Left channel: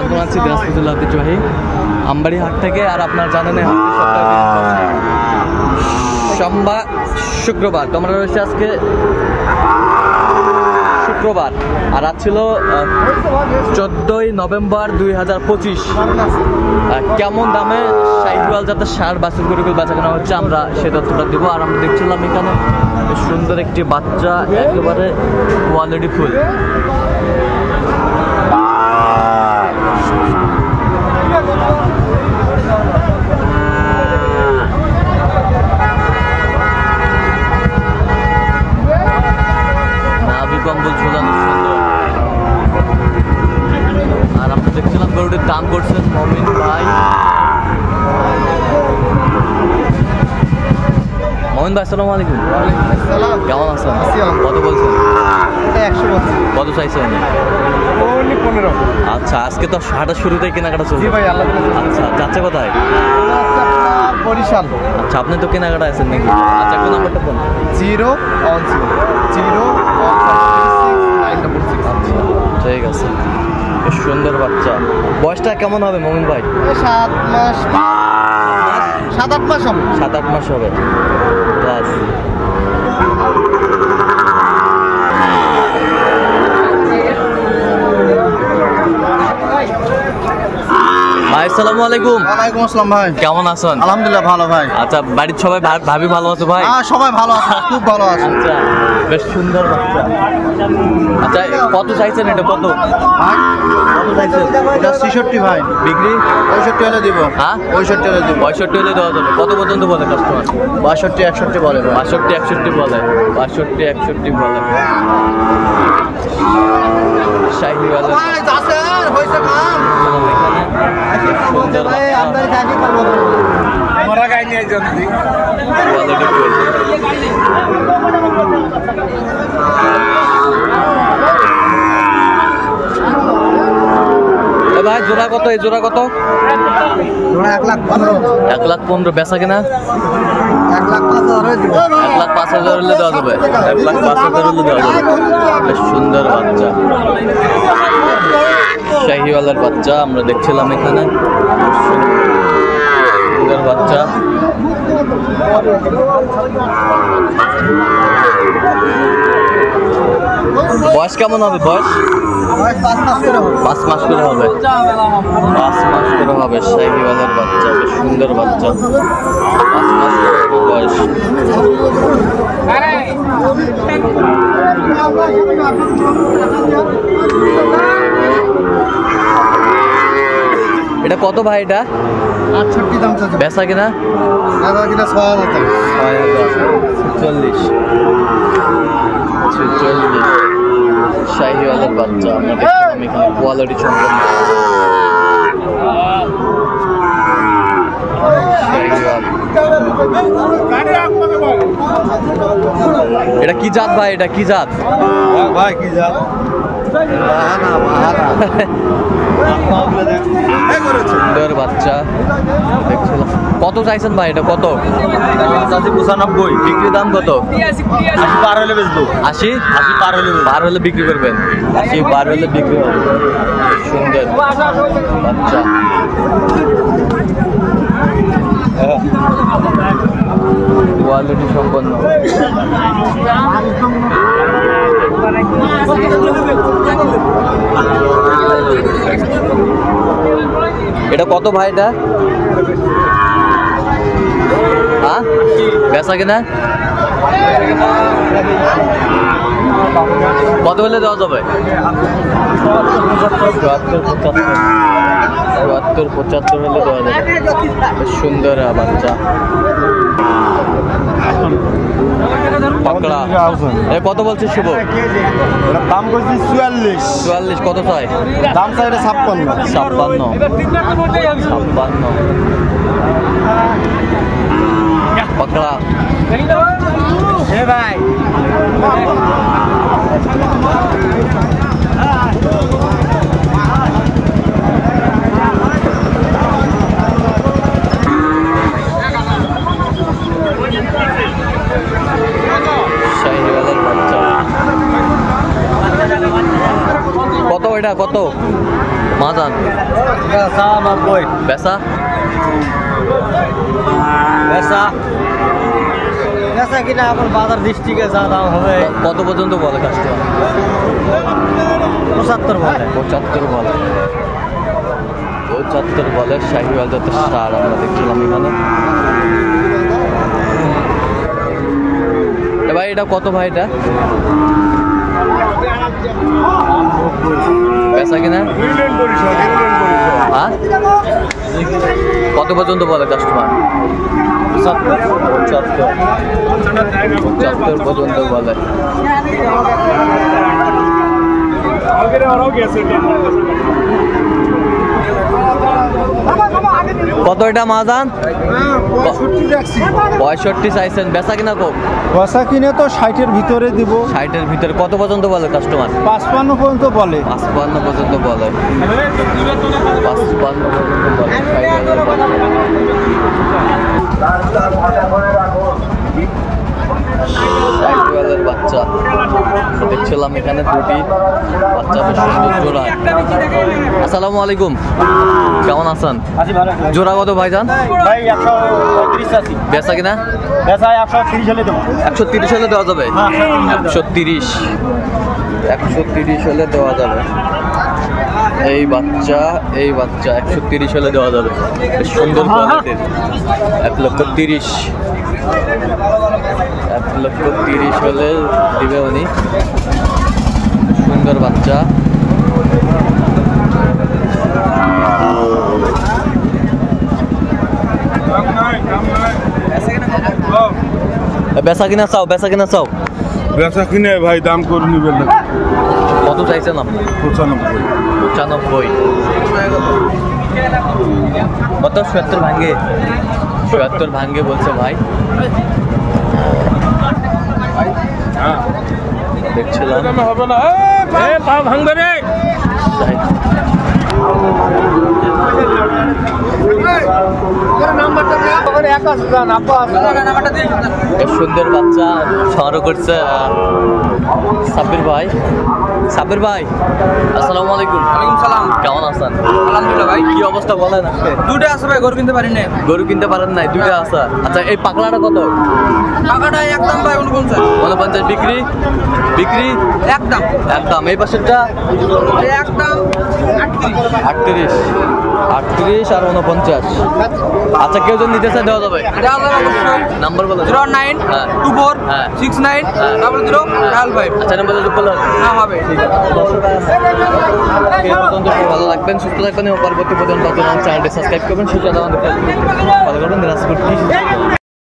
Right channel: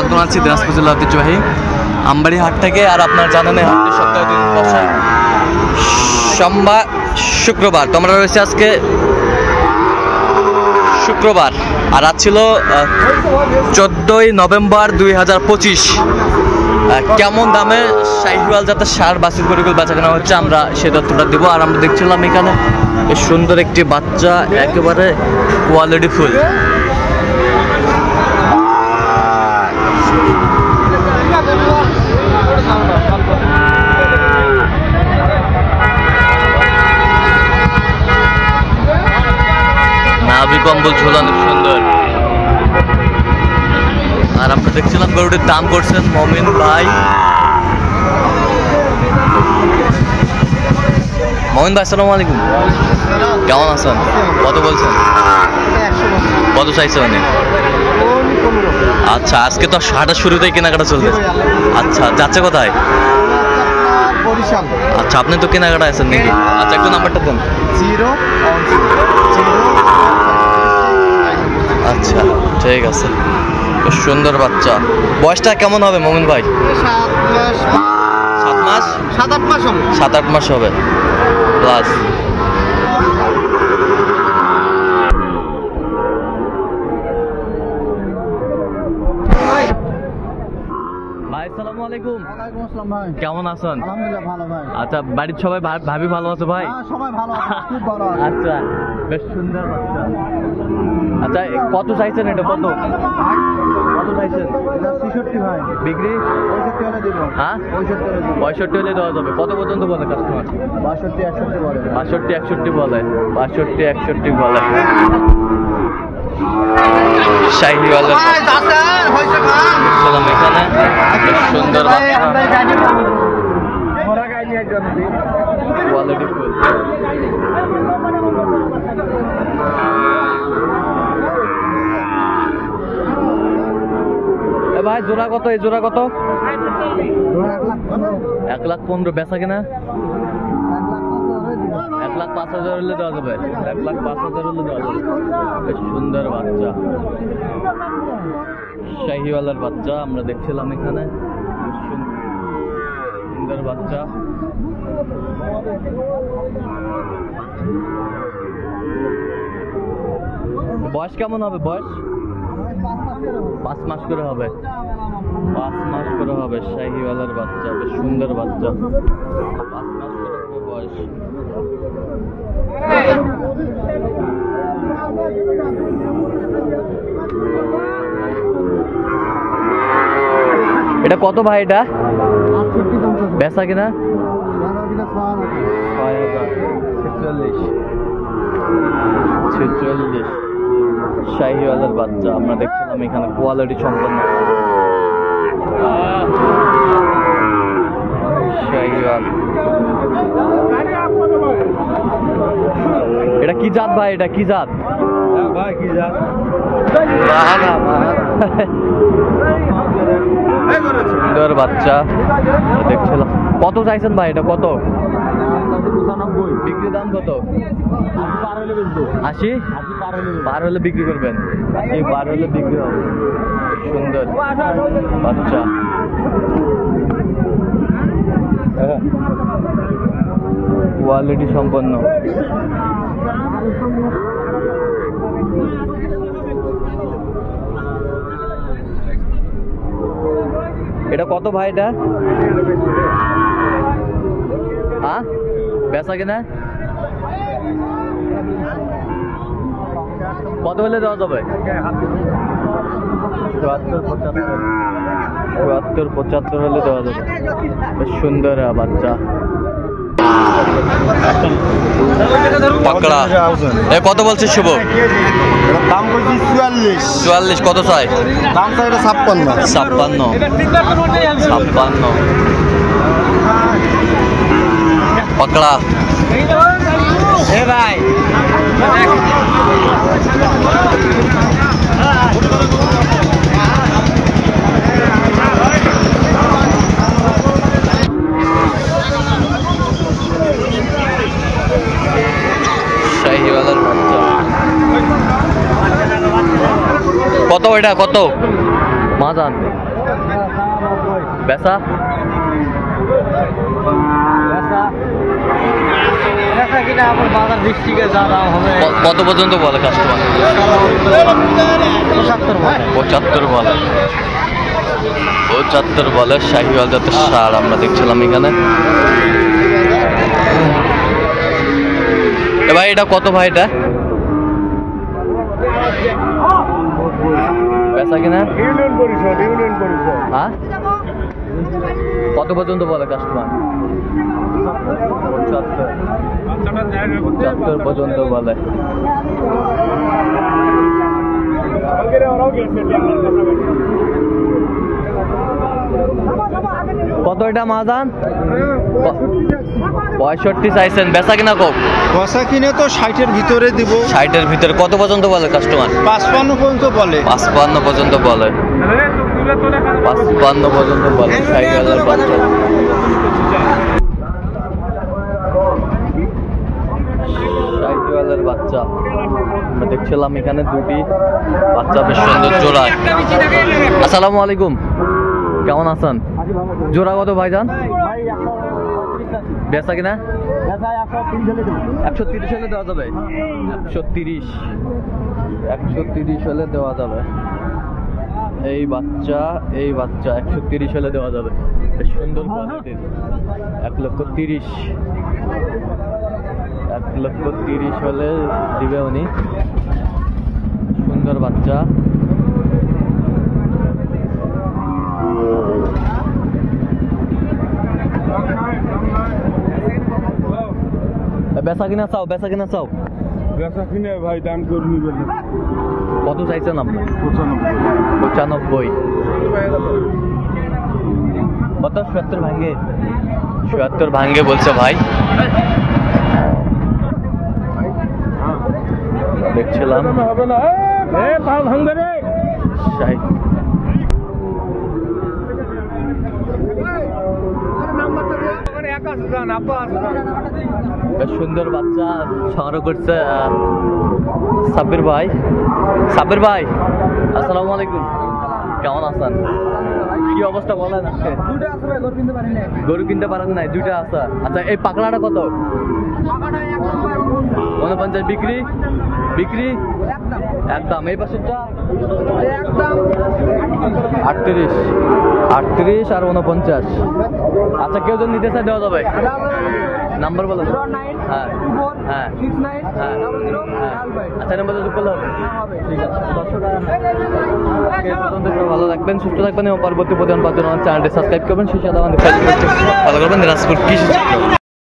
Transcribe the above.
স্বাগত জানাচ্ছি দিনাজপুর জেলার ঐতিহ্যবাহী আমবাড়ি হাট থেকে। আর আপনারা জানেন হাটটি সপ্তাহে 2 দিন বসে, সোমবার শুক্রবার। তো আমরা রয়েছে আজকে শুক্রবার, আর আজ ছিল 14ই নভেম্বর 2025। কেমন দামে শাহিওয়াল জাতের ষাঁড় বাছুর গরুগুলো বেচা কেনা হচ্ছে আমরা সে তথ্যটা দেবো। আর আমরা দেখছিলাম এখানে সুন্দর একটি বাচ্চা, একেবারে কোয়ালিটি ফুল। নাভি কম্বল ঝোলানো সুন্দর। আর আমরা দেখছিলাম গরুটির দাম করছেন মমিন ভাই। মমিন ভাই আসসালামু আলাইকুম, কেমন আছেন? কত বলছেন? কত চাইছে উনি? আচ্ছা, আজকে তো হাটের শুরুতেই কেনাকাটা চলছে। আচ্ছা, যাচ্ছে কোথায়? আচ্ছা, আপনি তো কেনাকাটা আছেন নাকি? আচ্ছা, একটু নাম্বারটা দেন। 0 আচ্ছা, ঠিক আছে। বেশ সুন্দর বাচ্চা। বয়সটা কেমন হবে মমিন ভাই? 7 মাস 7-8 মাস হবে। 7-8 মাস হবে প্লাস। ভাই আসসালামু আলাইকুম। ওয়ালাইকুম আসসালাম ভাই, কেমন আছেন? আলহামদুলিল্লাহ ভালো ভাই। আচ্ছা, বাড়ির সবাই ভাবি ভালো আছে ভাই? হ্যাঁ, সবাই ভালো আছে, খুব ভালো আছে। আচ্ছা, বেশ সুন্দর বাচ্চা। আচ্ছা, কত চাইছেন এটা? কত চাইছেন? এটা 66 ভাই, বিক্রি 65 হলে দিব। হ্যাঁ, 65 হলে দিব। 65 হলে দেওয়া যাবে। কত পর্যন্ত বলে কাস্টমার? 62 61 বলে ভাই। 62 61 বলে। 62 61 বলে। শাহিওয়ালের দেখলাম এখানে সুন্দর বাচ্চা, কোয়ালিটি ফুল। ভাই জোড়া কত? এই জোড়া কত? 1,15,000 বেচা কিনা? 1,05,000 হলে দেওয়া যাবে। 1,05,000 হলে দেওয়া যাবে। বেশ সুন্দর বাচ্চা, শাহিওয়ালের বাচ্চা আমরা দেখছিলাম এখানে। সুন্দর বাচ্চা। বয়স কেমন হবে? বয়স 5 মাস করে হবে। 5 মাস করে হবে শাহিওয়ালের বাচ্চা। বেশ সুন্দর বাচ্চা, 5 মাস করে হবে বয়স। এটা কত ভাই? এটা 68 দাম চাচ্ছে। বেচা কিনা? দাদা কিনা 6000 46 শাহিওয়ালের বাচ্চা আমরা দেখছিলাম এখানে, কোয়ালিটি সম্পন্ন শাহিওয়াল। এটা কি জাত ভাই? এটা কি জাত ভাই? কি জাত? সুন্দর বাচ্চা দেখছিলাম। কত চাইছেন ভাই এটা? কত? 95। বিক্রি দাম কত? 80 পার হলে বেচবো। 80 পার হলে বিক্রি করবেন। 80 পার হলে বিক্রি হবে। সুন্দর বাচ্চা। কোয়ালিটি সম্পন্ন। এটা কত ভাই? এটা হ্যাঁ, বেচা কিনা কত হলে দেওয়া যাবে? 74-75 হলে দেওয়া যাবে। বেশ সুন্দর বাচ্চা। পাকড়া কত বলছে শুভ? এটা দাম করছি 44। কত চাই? দাম চাই এটা 56। পাকড়া ভাই কত এটা কত? মাজান বেচা কিনা আমার বাজার গোষ্ঠীকে যা দাম হবে কত পর্যন্ত বলে কাস্টমার? 75 বলে। 75 বলে। 75 বলে শাহিওয়াল জাতের ষাঁড় আমরা দেখছিলাম এখানে। ভাই এটা কত ভাই? এটা বেচা কিনা হ্যাঁ কত পর্যন্ত বলে কাস্টমার? 75 পর্যন্ত বলে। কত এটা মাজান? 65 চাইছেন, বেচা কিনা কম? বসা কিনে তো 60-এর ভিতরে দিব। 60-এর ভিতরে কত পর্যন্ত বলে কাস্টমার? 55 পর্যন্ত বলে। 55 পর্যন্ত বলে। 55 পর্যন্ত বলে। 60,000 বাচ্চা। 60,000 বাচ্চা আমরা দেখছিলাম এখানে। দুটি বাচ্চা বেশ সুন্দর জোড়ায়। আসসালামু আলাইকুম, কেমন আছেন? জোড়া কত ভাইজান? বেচা কিনা? 130 হলে দেওয়া যাবে। 130 হলে দেওয়া যাবে। এই বাচ্চা 130 হলে দেওয়া যাবে। বেশ সুন্দর কোয়ালিটির। 1,30,000 1,30,000 হলে দিবে উনি। সুন্দর বাচ্চা। বেচা কিনা চাও? বেচা কিনে ভাই দাম করে নিবেন না। কত চাইছেন আপনার? 95। কত? 70 ভাঙ্গে? 70 ভাঙ্গে বলছে ভাই। দেখছিলাম হবে না ভাঙবে রে। সুন্দর বাচ্চা সংগ্রহ করছে সাব্বির ভাই। সাব্বির ভাই আসসালামু আলাইকুম। কেমন আছেন? আলহামদুলিল্লাহ ভাই। কি অবস্থা বলেন? দুটো আছে ভাই, গরু কিনতে পারি না। গরু কিনতে পারেন নাই? দুইটা আছে। আচ্ছা এই পাকড়াটা কত? টাকাটা একদম ভাই 49। 49 বিক্রি? একদম একদম। এই পাশেরটা একদম 38। 38 আর 49। আচ্ছা কেউ যদি নিতে চায় দেওয়া যাবে? নাম্বার বলো। 09 হ্যাঁ 24 হ্যাঁ 69 হ্যাঁ 00 5। আচ্ছা নাম্বার যোগ করলে হবে? হ্যাঁ হবে। ঠিক আছে দর্শক এই পর্যন্ত সবাই ভালো থাকবেন, সুস্থ থাকবেন এবং পরবর্তী প্রতিদিন পাওয়ার জন্য চ্যানেলটি সাবস্ক্রাইব করবেন। সেই সাথে আমাদের ফেসবুক ফলো করবেন। দিনাজপুর কৃষি চিত্র।